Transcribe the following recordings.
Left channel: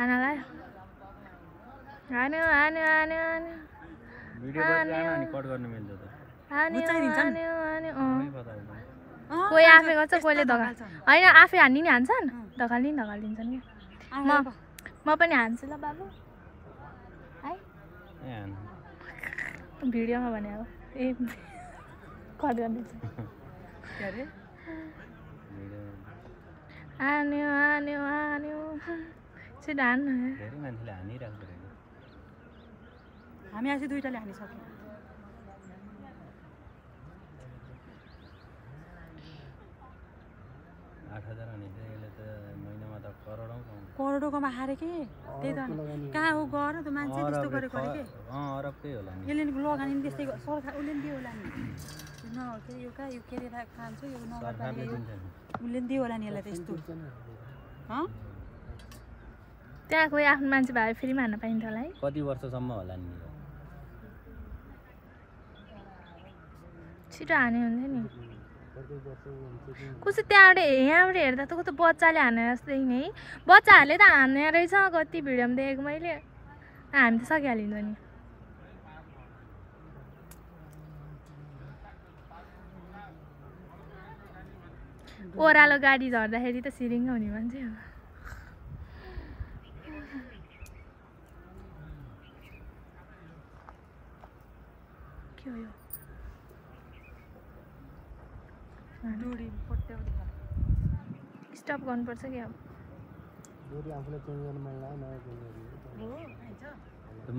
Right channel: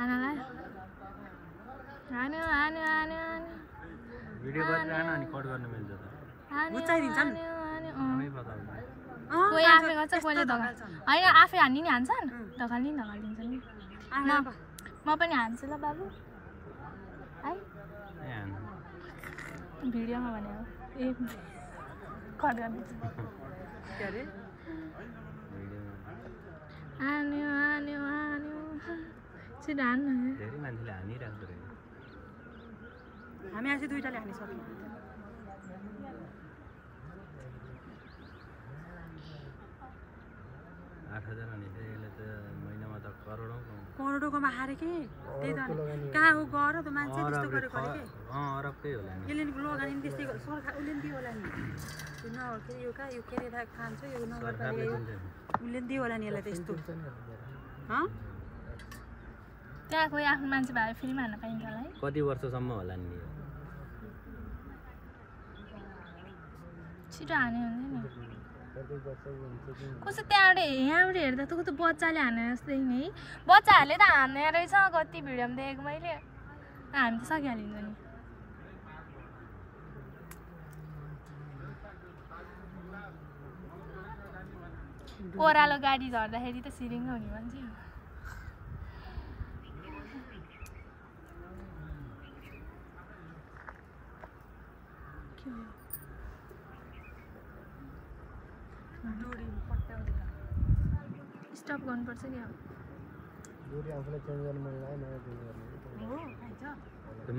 आनालाई आन्यो आन्यो आन्यो आन्यो video गरिरहन अनि cut गर्न मिल्छ त कोही आफै गर्छ कोहीले धकाल्छ होइन आफै हान्ने नि हान्छन् धकाल्ने नि धकालिदिन्छन् नि म पनि हान्छु ल बाबु है भिडियोमा भने अब ए कट गरिदिन्छु आन्यो आन्यो आन्यो छिटो हान्नु धेरै मान्छेले हानिरहेको छ हामी आज दुईटाले हानिसक्यौँ 8,000 अनि यसले त महिनामा त करोडौँकोमा हारे के त्यही त कहाँ हो गर त मान्छे त्यस्तो गरेको अरे के अरबकै होला नि यसले लगानी नि त्यस्तै सरकार उसले नि दियो होला नि यो कहाँ यो के अरे खान्छ यो नगरपालिका उसले नि दियो होला नि यसलाई त्यस्तो त्यहाँ कोही आफ्नो मान्छे भए फेरि हान्न पाइन्छ होला है कति वर्षसम्म होला नि छिटो हान्यो हुन्छ नि कसो त्यहाँबाट यहाँबाट हेर्दा त कस्तो बच्चाले हाने जस्तै नि है बच्चाहरूले त हान्ने रहेछ कति भिडियोमा देखेको मैले हामी त सकिहालिन्छ नि ओह्रालो गाडी झर्दाखेरि त सिरिङ्ग हुने मान्छे हो के हो स्टप गर्नुपर्छ क्या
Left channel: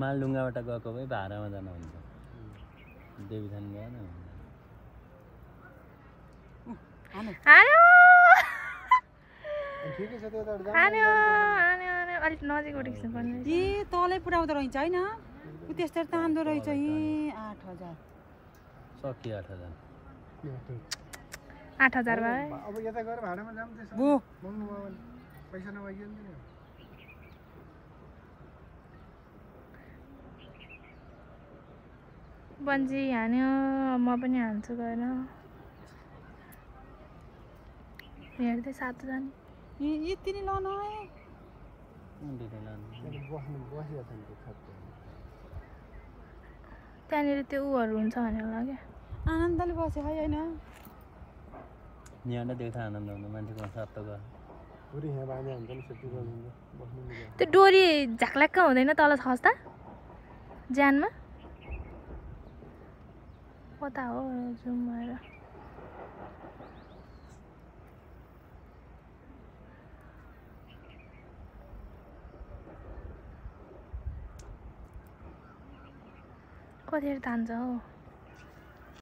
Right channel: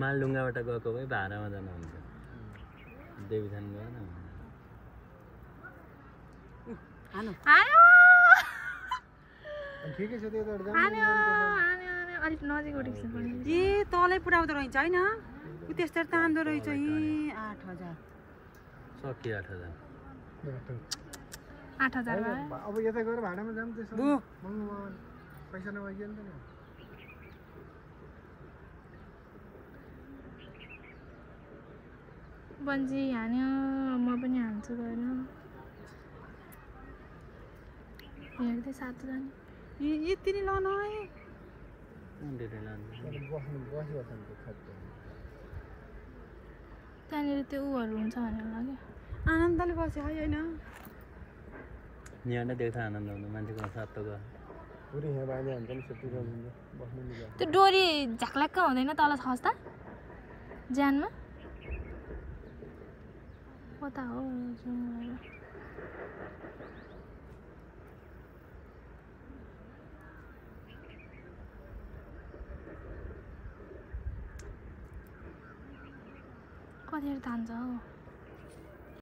मालडुङ्गाबाट गएको भए भाडामा जानु हुन्छ देवीथान गएन अलिक नजिक उठेको ए तलै पुऱ्याउँदो रहेछ होइन त्यस्तो तान्दो रहेछ ए 8,000 सक्यो 8,000 8,000 भयो अब यता गएर भाडामा जाम त्यसो बु पैसा नभइयो नि बन्जी हान्यो म पनि हान्छु गएर हेर्दै सातो जाने यति नै लान त्यहाँनिर त्यो उहरू हुन्छ भनेर होला क्या आनन्दले बस्यो है होइन यहाँ देख्दा आनन्द आउँछ मान्छेको साथ त गयो त्यो डोरी झ्याक्ल्याक्क हुँदैन तल खस्दा ज्यानमा कता हो जुम भएर कतिखेर तान्छ हौ